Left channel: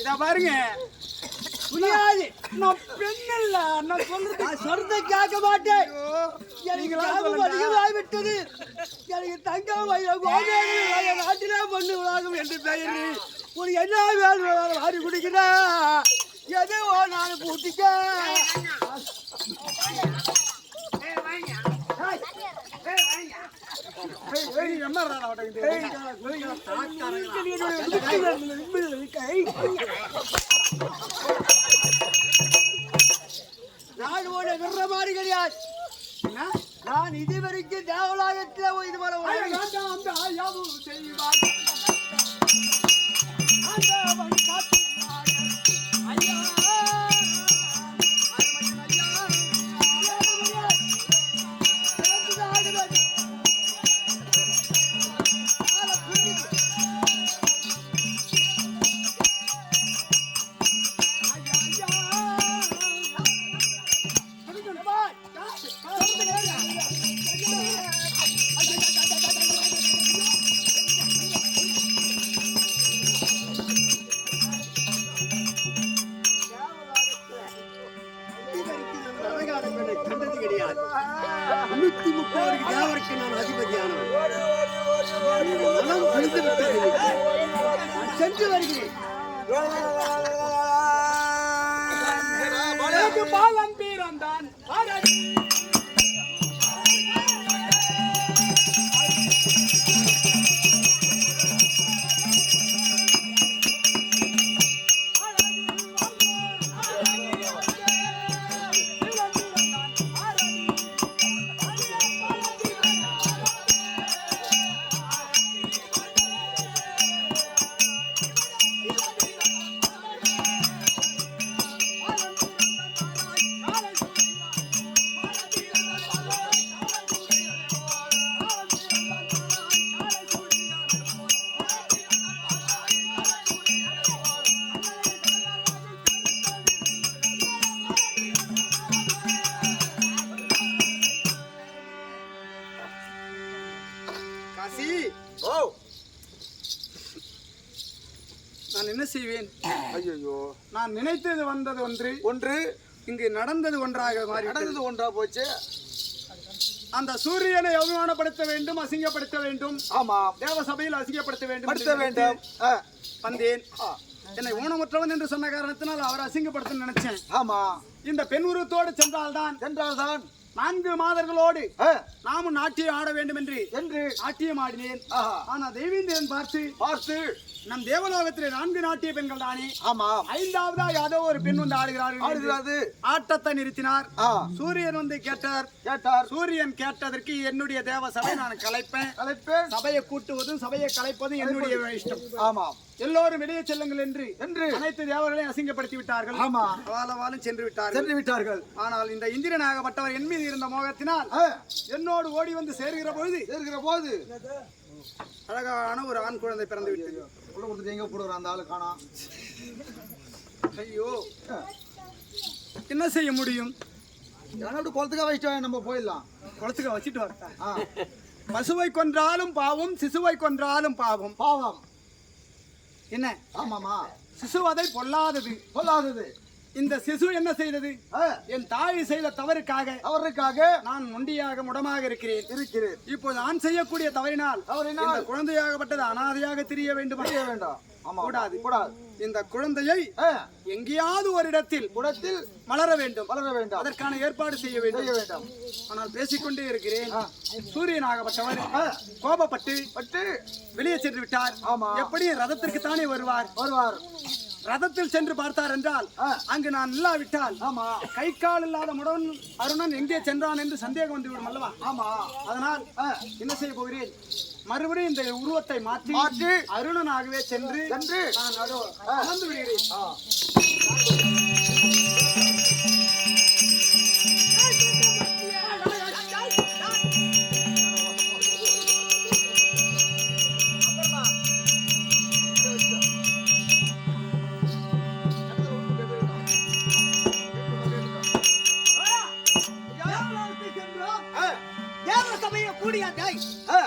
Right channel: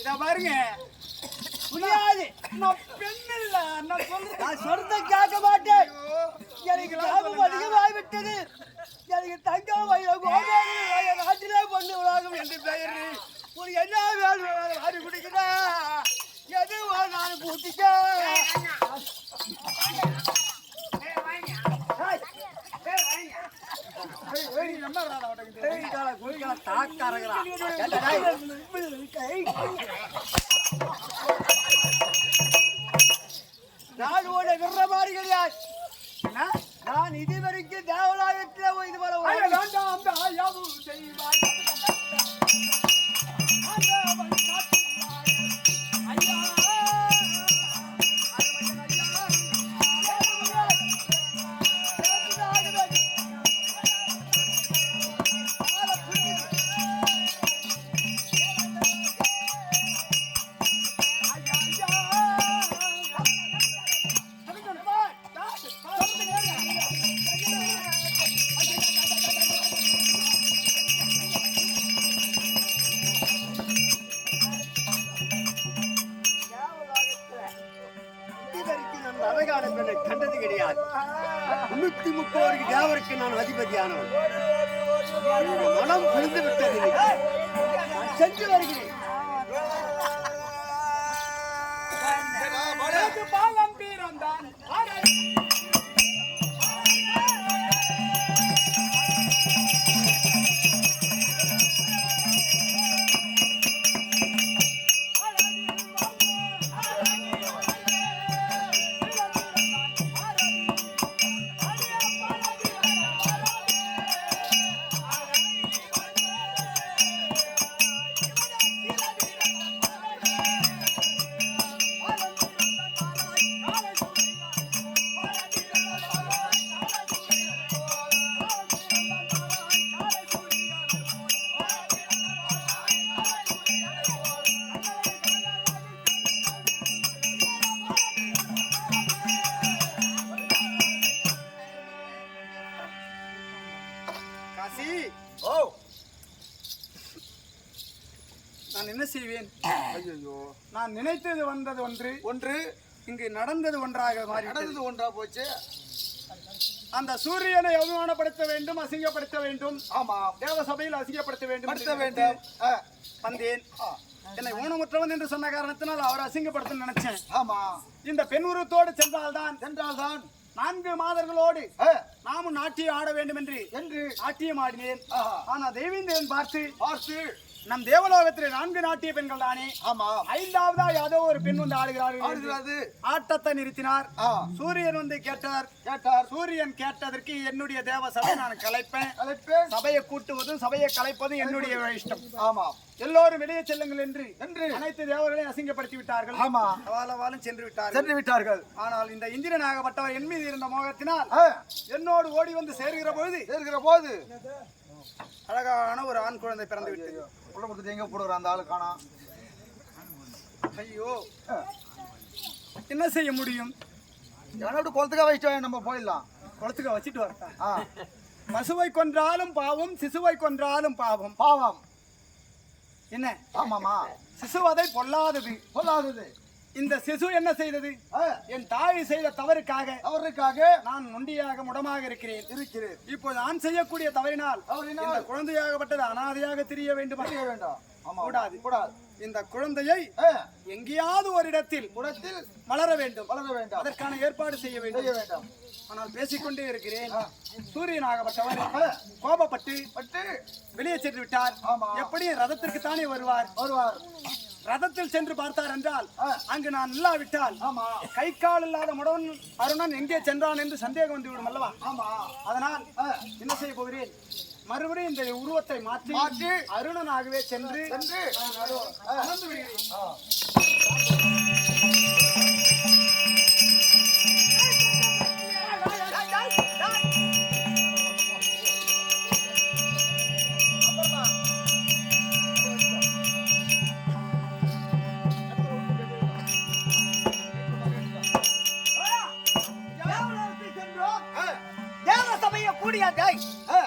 இத பாருங்க. புரியாது. நான் பெண் இல்ல நான் சொல்றத கேட்க மாட்டேன். எனக்கு லாபம் அதிகமாகி விட்டது எனக்கு தங்கம் என் நாட்டிலே பொண்ணு உலகம் என்று பெயர். உனக்கு என்ன வேணும்? வாரி குடிக்கிறா எது நான் பூட்டிக்க நான் ஓட விடுற மாதிரி கிடையாது நான் இதுவரைக்கும் தேவலாயத்தில் இது போல அந்த செய்வார். என்னுடைய மனம் புரிந்து விட்டது. நான் சென்று வருகிறேன் பாலம் பாரதி. காசி ஓ. நான் என்ன செய்வேன்? ஐயோ நான் நினைத்தது வந்தது ஒன்று. ஒன்று. இங்கு நடந்தது ஒன்றாக மாறி நடந்தது ஒன்றா போச்சு. அந்த சூரியனை அவமானப்படுத்த வேண்டும் அசிங்கப்படுத்த வேண்டும். ஆமா. தேவ சபையில் அசிங்கப்படுத்த வேண்டும் படுத்த வேண்டும். வந்தேன். என்னை ஊனமுற்றவன் என்று சொன்ன காரணத்தினால் அவரை அசிங்கப்படுத்த நினைச்சேன். ஆமா. இந்த பெண் உருவத்தோடு சென்றால்தான் சென்றால்தான். நான்கு மாதர்களோடு நாமும் நாட்டியம் ஆட வேண்டும் என்று என்று நாட்டியம் ஆடினேன். ஆனா தேவேந்திரன் பார்த்து பார்த்து நம் தேவலோகத்திலே நான்கு நாட்டிய பெண்கள் தானே? ஆமா. ஐந்தாவதா யாதோ ஒரு பெண் வந்து ஆடுகிறார்கள் ஆடுகிறது. ஆட்டத்தை நிறுத்தினார். சூரியன் வந்து கேட்டார். கேட்டார். சூரியன் கேட்டதற்கு என்னுடைய தேவ சபை நான் கலைப்பேன். அழைப்பேன் சபையை கூட்டுவதும் சபையை கலைப்பதும் என்னுடைய இஷ்டம். ஆமாம் எல்லோரும் வெளியே செல்லுங்கள் என்று என்று அனைத்து தேவர்களையும் அசிங்கப்படுத்தி விட்டார்கள். ஆமா. வாழவாலும் சென்று விட்டார்கள். சென்று விட்டார்கள். ஆனால் இந்த இந்திரனாகப்பட்டவர் என் மீது இருந்த மோகத்தினால் என்னோடு ஓடி வந்து சேர்கிற பொழுது இருக்கிற போது. அழகான ஒரு ஆண் குழந்தை பிறந்து விட்டது. உள்ள கொடுத்துட்டு எங்க போடுற அந்த ஆளு காணோம் ஐயோ. என்ன செய்ய முடியும்? எவனை விட்டு குளத்துக்கா வச்சுட்டு நம்ம போயிடலாம். குளத்துக்கு வச்சுட்டு வரட்டா? பசுவை கொன்றாலும் பாவம் சிசுவை கொன்றாலும் பாவம். பாவம். என்ன? ஆமாமா. சிசுவதை பொல்லாதது. சொல்லாதது இந்த சிசு என்ன செய்தது? என் தாய் செய்த தவறுக்காக அவருக்காக நான் நொண்டியாக முடமாக இருக்கிறேன். இருக்கிறேன். இப்போது நான் செய்யக்கூடிய தவறினால் இந்த குழந்தையாகப்பட்டது அனாதையாக தெரிய வேண்டுமா. செய்ய வேண்டாம். கூடாது. கூடாது. இந்த குழந்தையை எங்கேயாவது ஒரு இடத்தில் குடத்தில் வளர வேண்டும். வளர வேண்டாம். அதற்கான ஏற்பாடு செய்ய வேண்டும். வேண்டாம். ஆனால் பேசிக்கொண்டே இருக்கிறேன். ஆ, கோபப்பட்டு பட்டு வெளியே சென்று விட்டார். ஆமா. எப்படியும் ரதத்திற்கு தானே வருவார்? வருவார். ரதத்தில் சென்று பார்த்தார் என்றால். அங்கு நான் இல்லாவிட்டால் ஆமா. கை கால் இல்லாத முடன் அருணன் எங்கே சென்றான் என்று சந்தேகம் வந்துவிடும் அல்லவா? ஆமா. அதனால் என்ன செய்ய போகிறேன்? மறுபடியும் இந்த உருவத்தை மாற்றி மாற்றி அருணனாகவே சென்று சென்று நான் அமர்ந்து விடுகிறேன். ஆ,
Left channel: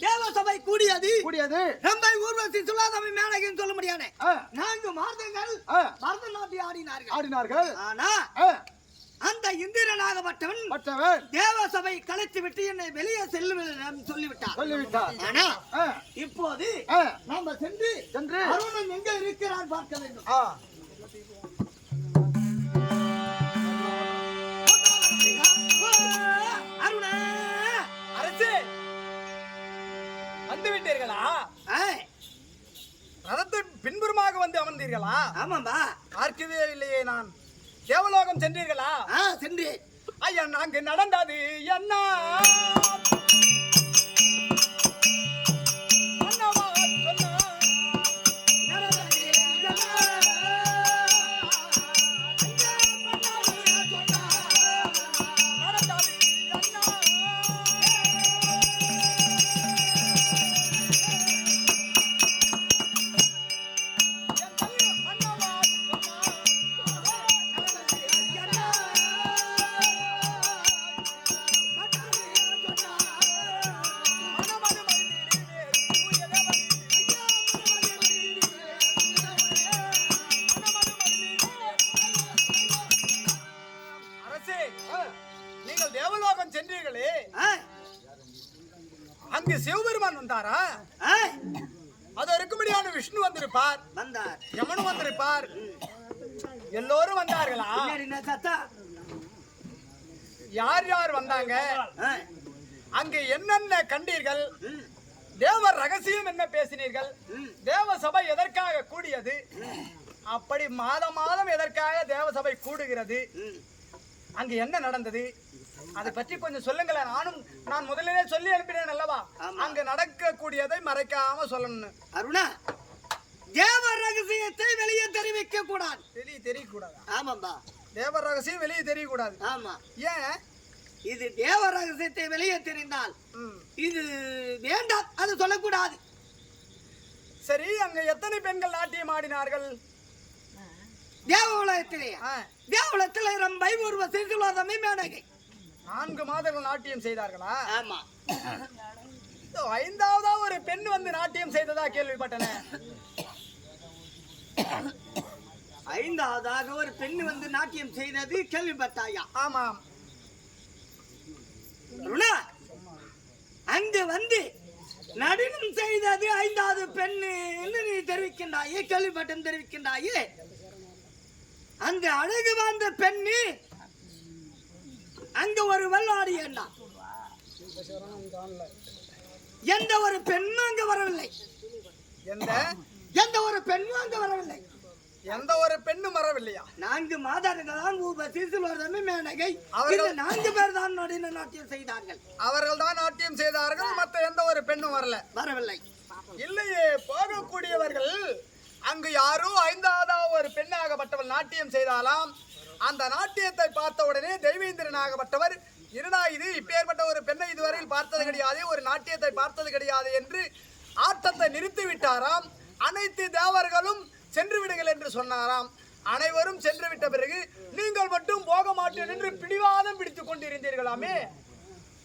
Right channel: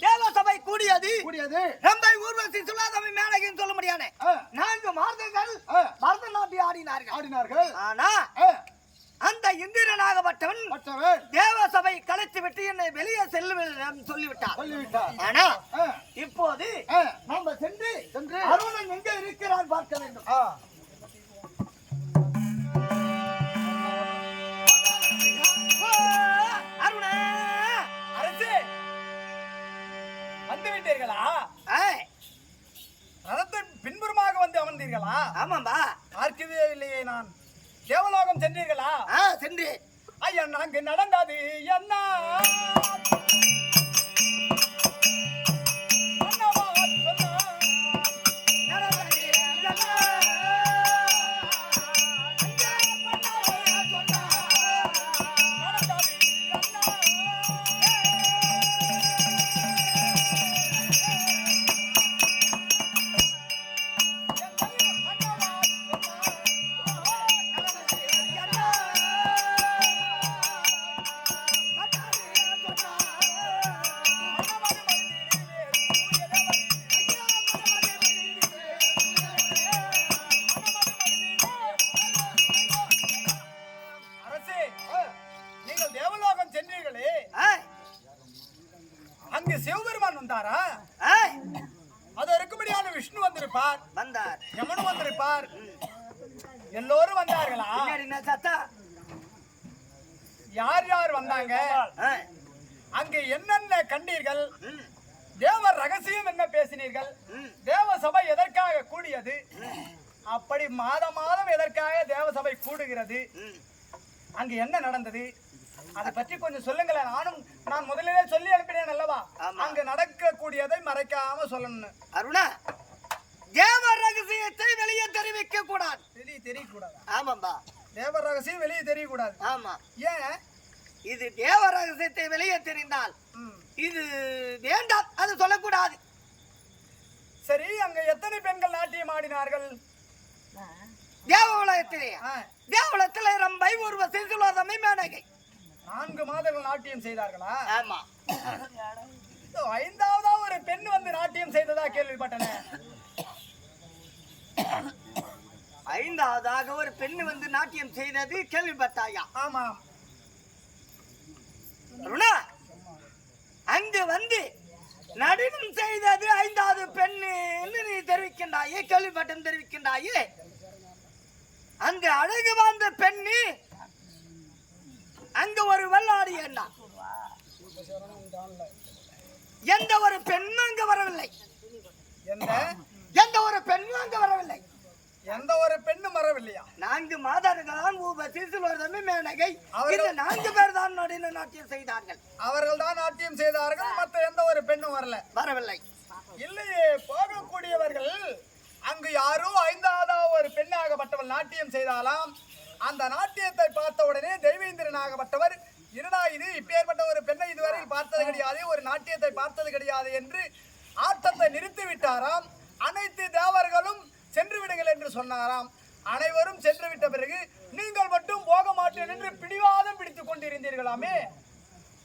தேவ சபையை கூடியது. கூடியது. ரம்பை ஊர்வசி சொல்லாதவை மேலகின்னு சொல்ல முடியானே ஆ, நான்கு மாதங்கள் ஆ, பரதநாட்டியம் ஆடினார்கள். ஆடினார்கள். ஆனா அந்த இந்திரனாகப்பட்டவன் மற்றவன் தேவசபை கலைத்து விட்டு என்னை வெளியே செல்லும் சொல்லிவிட்டார். சொல்லிவிட்டார். ஆனா இப்போது ஆ, நாம சென்று சென்று அருணன் எங்க இருக்கிறான் பார்க்க வேண்டும். ஏய், ரதத்தின் பின்புறமாக வந்து அமர்ந்தீர்களா? ஆமாம்பா. பார்க்கவே இல்லையே நான். தேவலோகம் சென்றீர்களா? ஆ சென்று ஐயா நாங்க நடந்தது என்ன வந்தாங்க அங்கு என்னென்ன கண்டீர்கள்? ம், தேவர் ரகசியம் என்ன பேசினீர்கள்? ம், தேவ சபை எதற்காக கூடியது? அப்படி மாதம் மாதம் எதற்காக தேவ சபை கூடுகிறது? ம். அங்கு என்ன நடந்தது? அதை பற்றி கொஞ்சம் சொல்லுங்களேன். நானும் நான் முதலிலே சொல்லி அனுப்பினேன் அல்லவா. அங்கு நடக்கக்கூடியதை மறைக்காம சொல்லணும் அருணா தேவ ரகசியத்தை வெளியே தெரிவிக்க கூடாது வெளியே தெரியக்கூடாதா? ஆமாம்பா. தேவ ரகசியம் வெளியே தெரியக்கூடாது. ஆமா. ஏன்? இது தேவ ரகசியத்தை வெளியே தெரிந்தால். இது வேண்டாம் அது சொல்லக்கூடாது. சரி அங்க எத்தனை பெண்கள் நாட்டியம் ஆடினார்கள்? தேவ உலகத்திலே. ஆ, தேவலத்தில் ரம்பை ஒருவ சிசுலோதமை மேனகை நான்கு மாதங்கள் நாட்டியம் செய்தார்களா? ஆமா. ஐந்தாவதா ஒரு பெண் வந்து நாட்டியம் செய்ததா கேள்விப்பட்டன. ஐந்தாவதாக ஒரு பெண் வந்து நாட்டியம் செய்தது கேள்விப்பட்டாயா? ஆமாம். அருணா அங்கு வந்து நடனம் செய்தது ஐந்தாவது பெண்ணு நீ தெரிவிக்கின்றாயே கேள்விப்பட்டம் தெரிவிக்கின்றாயே. அங்கு அழகு வாழ்ந்த பெண்ணு அங்க ஒரு வெள்ளாடி என்ன எந்த ஒரு பெண்ணும் அங்க வரவில்லை. எந்த? எந்த ஒரு பெண்ணும் அங்க வரவில்லை. எந்த ஒரு பெண்ணும் வரவில்லையா? நான்கு மாதர்களாம் ஊப சிசுலோதமே மேனகை. அவர்கள்- நான்கு பேர் தான் நடின நாட்டியம் செய்தார்கள். அவர்கள் தான் நாட்டியம் செய்தார்கள் மத்த எந்த ஒரு பெண்ணும் வரல. வரவில்லை. இல்லையே போகக்கூடியவர்கள் அங்கு யாரோ ஐந்தாவது ஒரு பெண்ணாகப்பட்டவள் நாட்டியம் செய்தாலாம். அந்த நாட்டியத்தை பார்த்த உடனே தெய்வேந்திரனாகப்பட்டவர் இருடா இது? இப்பேற்பட்ட ஒரு பெண்ணை இதுவரையில் பார்த்தது கிடையாது ஒரு நாட்டியத்தை பார்த்தது கிடையாது என்று ஆட்டத்தை நிறுத்தி விட்டாராம் அனைத்து தேவர்களும் சென்று விடுங்கள் என்று சொன்னாராம். அனைவரும் சென்று விட்ட பிறகு நீங்கள் மட்டும் போக மாட்டேன் என்று பிடிவாதம் பிடித்துக் கொண்டிருந்தீர்களாமே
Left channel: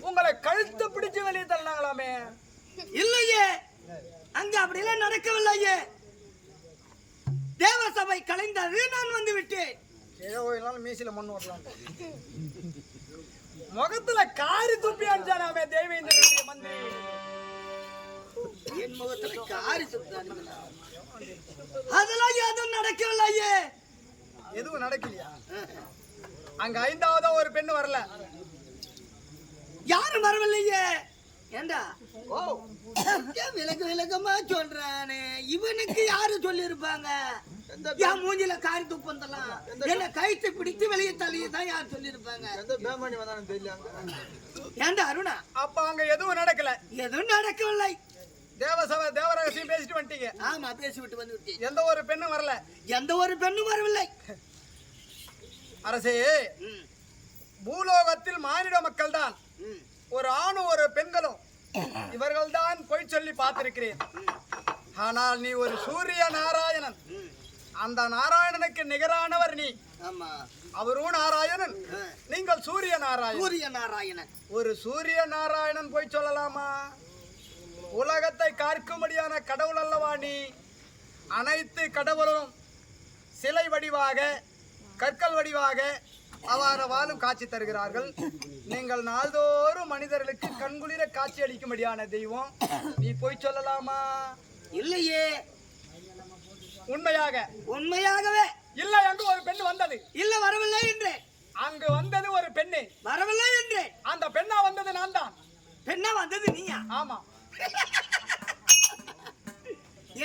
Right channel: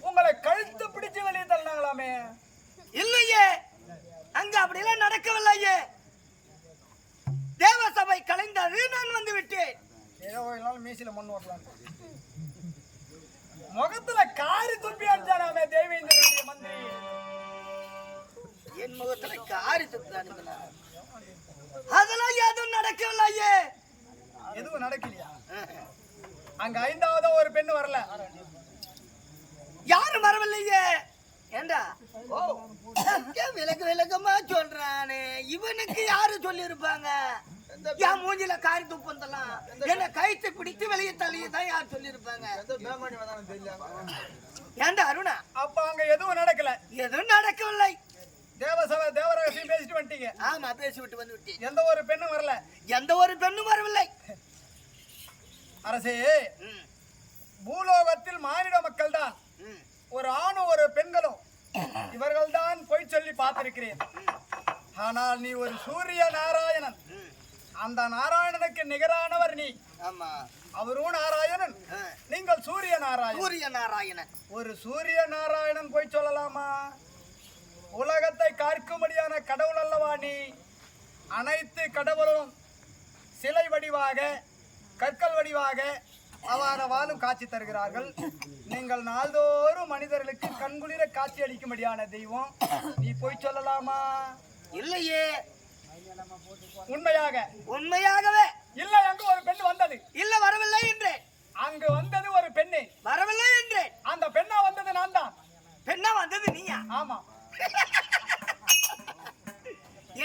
உங்களை கழுத்து பிடிச்சு வெளியே தள்ளினாங்களாமே இல்லையே. அங்க அப்படியெல்லாம் நடக்கவில்லையே. தேவ சபை கலைந்தது நான் வந்து விட்டேன் ஏதோ நாள் மீசில மண் ஓட்டலாம் முகத்துல காரி துப்பி அனுப்பிச்சானாமே தேவேந்திரனுடைய மந்திரி. என் முகத்துல காரி சுத்தானுங்களா அதெல்லாம் எதுவும் நடக்கவில்லையே எதுவும் நடக்கலையா? அங்க ஐந்தாவதா ஒரு பெண்ணு வரல. யாரும் வரவில்லையே. ஏண்டா? ஓ. ஏன் விலக்கு விலக்கமா சொல்றானே. இவனுக்கு யாரு சொல்லியிருப்பாங்க? என் மூஞ்சில காரி துப்பந்தலாம். என்ன கைத்து பிடித்து வெளியே தள்ளியே தான் யார் சொல்லியிருப்பாங்க? ஏண்டா அருணா? அப்ப அங்க எதுவும் நடக்கல. எதுவும் நடக்கவில்லை. தேவசபை தேவரகசியம் பேசிட்டு வந்துட்டீங்க. ஆமா பேசிவிட்டு வந்து விட்டேன். எந்த ஒரு பெண்ணும் வரல. எந்த ஒரு பெண்ணும் வரவில்லை. அரசே பூலோகத்தில் மானிட மக்கள் தான் ஒரு ஆணும் ஒரு பெண்களும். இவர்கள் தான் பொய் சொல்லி பார்த்திருக்கிறேன். ஆனால் நீ ஒரு சூரிய நாராயணன். அந்த நாராயணனுக்கு நிகரானவர் நீ. அவரும் நாராயணன். நீங்கள் சூரிய நாராயணன். சூரிய நாராயணன். ஒரு சூரிய நாராயணன் போய் சொல்லலாமா? உலகத்தை காக்கும்படியான கடவுள் அல்லவா நீ? அனைத்து கடவுளும் சிலை வடிவாக கற்கள் வடிவாக அவ்வாறு வாழும் காட்சி தருகிறார்கள். நீங்கள் நாள்தோறும் மனிதர்களுக்கு கண்குளிர காட்சி அளிக்கும்படியான தெய்வம். நீ போய் சொல்லலாமா? இல்லையே. உண்மையாக. உண்மையாகவே. இல்லை அங்கு ஒரு பெண் வந்தது. இல்ல வரவில்லை என்றேன் அங்கு வந்தது ஒரு பெண்ணு. வரவில்லை என்றேன் அந்த பெண்ணா வந்தது நான் தான். பெண்ணா வந்தது நீயா? ஆமா.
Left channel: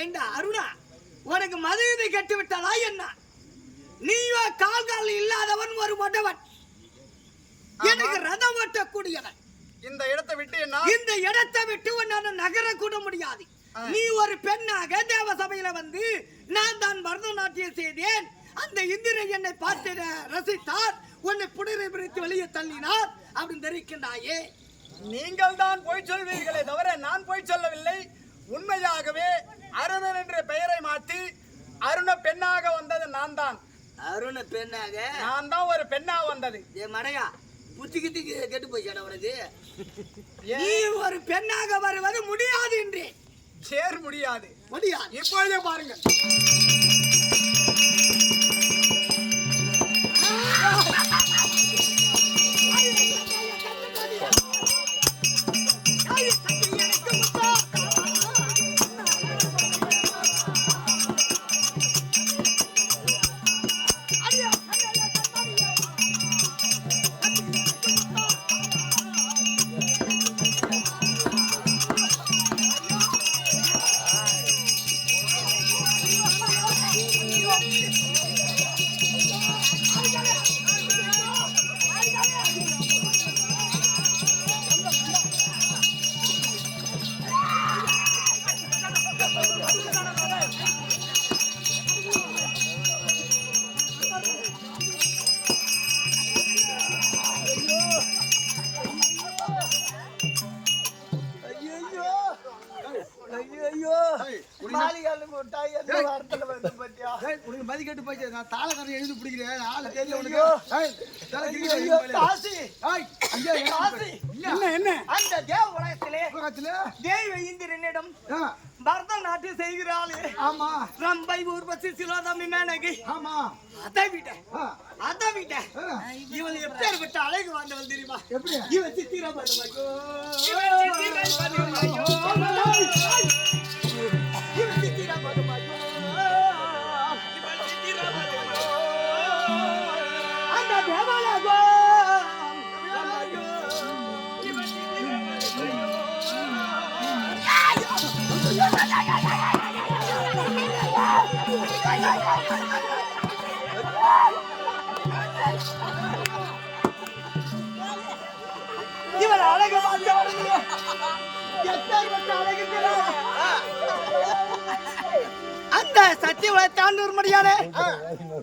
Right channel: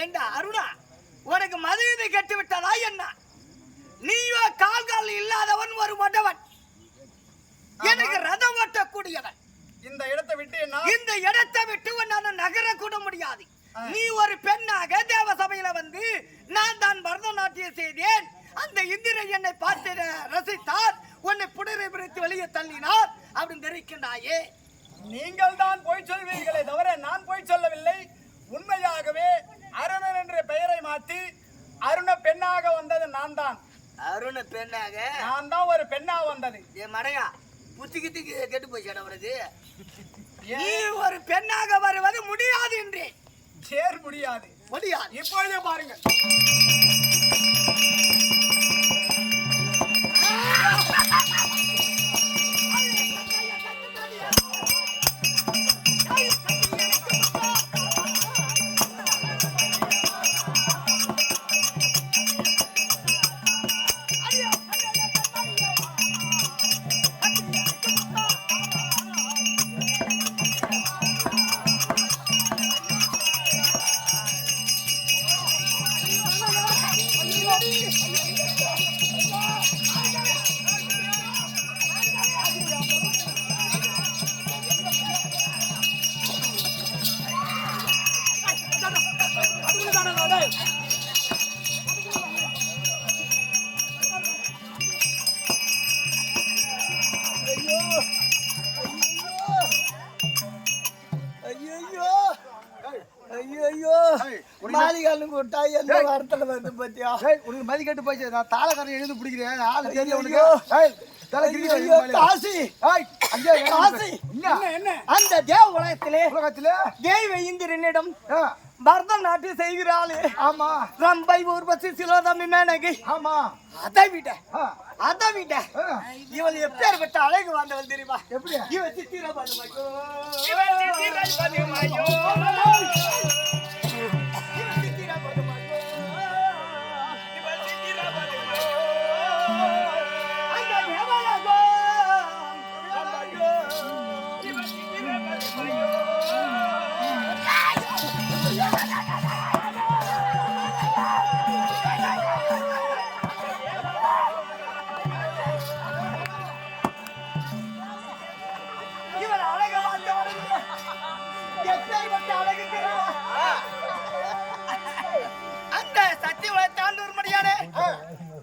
ஏண்டா அருணா உனக்கு மதுவிதை கட்டு விட்டதா என்ன? நீயோ கால் கால் இல்லாதவன் ஒரு மொடவன் எனக்கு ரதம் ஓட்டக்கூடியவன். இந்த இடத்தை விட்டு இந்த இடத்தை விட்டு உன்னால நகர கூட முடியாது நீ ஒரு பெண்ணாக தேவ சபையில வந்து நான் தான் பரதநாட்டியம் செய்தேன். அந்த இந்திரன் என்னை பார்த்து ரசித்தார். உன்னை புடரை பிடித்து வெளியே தள்ளினார். அப்படின்னு தெரிவிக்கின்றாயே நீங்கள் தான் போய் சொல்வீர்களே தவிர நான் போய் சொல்லவில்லை. உண்மையாகவே அருணன் என்ற பெயரை மாற்றி அருண பெண்ணாக வந்தது நான் தான். அருண பெண்ணாக. நான் தான் ஒரு பெண்ணா வந்தது. ஏ மடையா புத்தி கித்தி கெட்டு போயிச்சாடா உனக்கு? நீ ஒரு பெண்ணாக வருவது முடியாது என்றேன் சேர் முடியாது. முடியாது. இப்பொழுதே பாருங்கள். ஏய், மதி கட்டு போச்சு நான் தாளக்காரன் எழுந்து பிடிக்கிறேன் ஆளு தெரியல உனக்கு ஏய், தலை கிரிக்கிற ஐயோ, மேலே. காசி ஏய், அங்கே என்ன காசி என்ன என்ன அந்த தேவ உலகத்திலே உலகத்துல தேவ இந்திரனிடம் பரதநாட்டியம் செய்கிறாளே ஆமா ரம்பை ஊர்வசி சிலோதமி மேனகி ஆமா அதை விட அதை விட இவள் எப்பேற்பட்ட அழகு வந்தவள் தெரியுமா எப்படி இவன் சித்திர பதுமையோ சத்தியவளை தாண்டூர்மடியான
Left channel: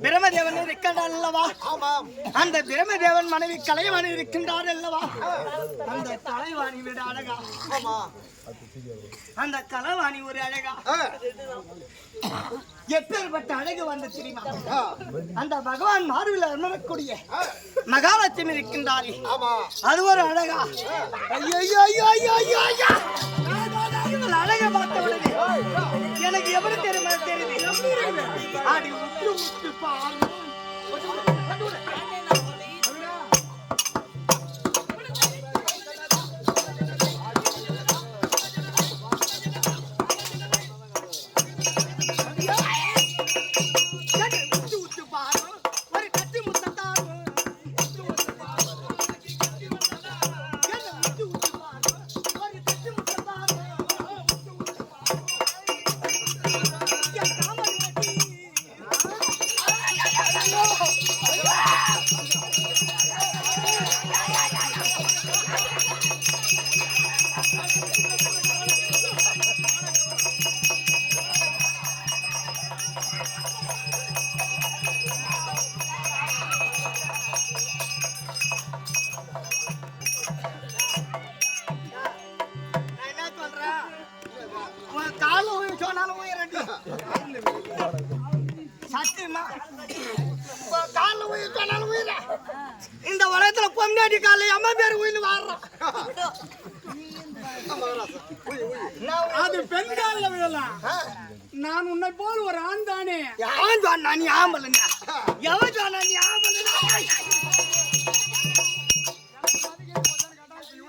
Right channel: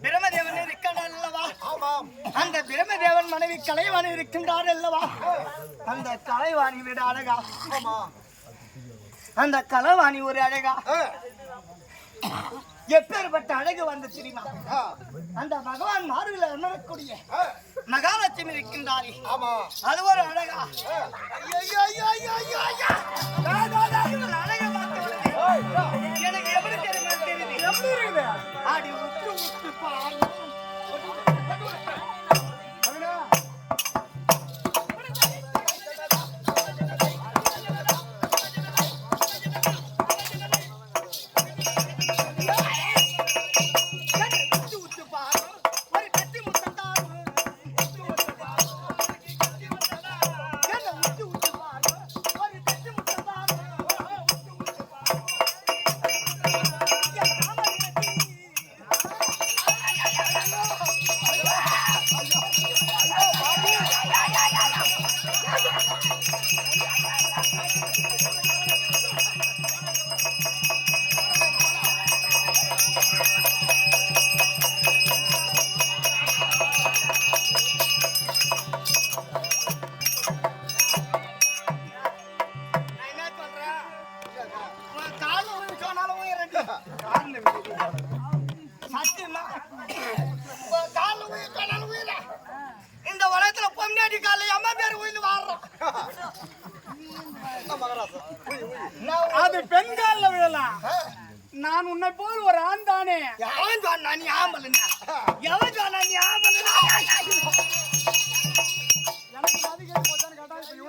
பிரமதேவன் இருக்கின்றார் அல்லவா ஆமாம். அந்த பிரமதேவன் மனைவி கலைவாணி இருக்கின்றார் அல்லவா அந்த கலைவாணி விட அழகா. ஆமா அந்த கலைவாணி ஒரு அழகா. எப்பேற்பட்ட அழகு வந்து தெரியுமா? அந்த பகவான் மார்பில் அமரக்கூடிய மகாலட்சுமி இருக்கின்றாரே அது ஒரு அழகா. ஐயோ ஐயோ ஐயோ ஐயோ ஐயோ அழகை பார்த்தவளே. பாரு. கால்ல கால்ல உயிர் உயிரா. இந்த உலகத்துல பொண்டாட்டி கால அம்மா பேர் உயிர் வாடுறோம் அது பெண் கால்ல விழலாம். நான் உன்னை போல் ஒரு ஆண் தானே? யான் சொன்னா நீ ஆம்பளைங்க எவன் சொன்னா நீ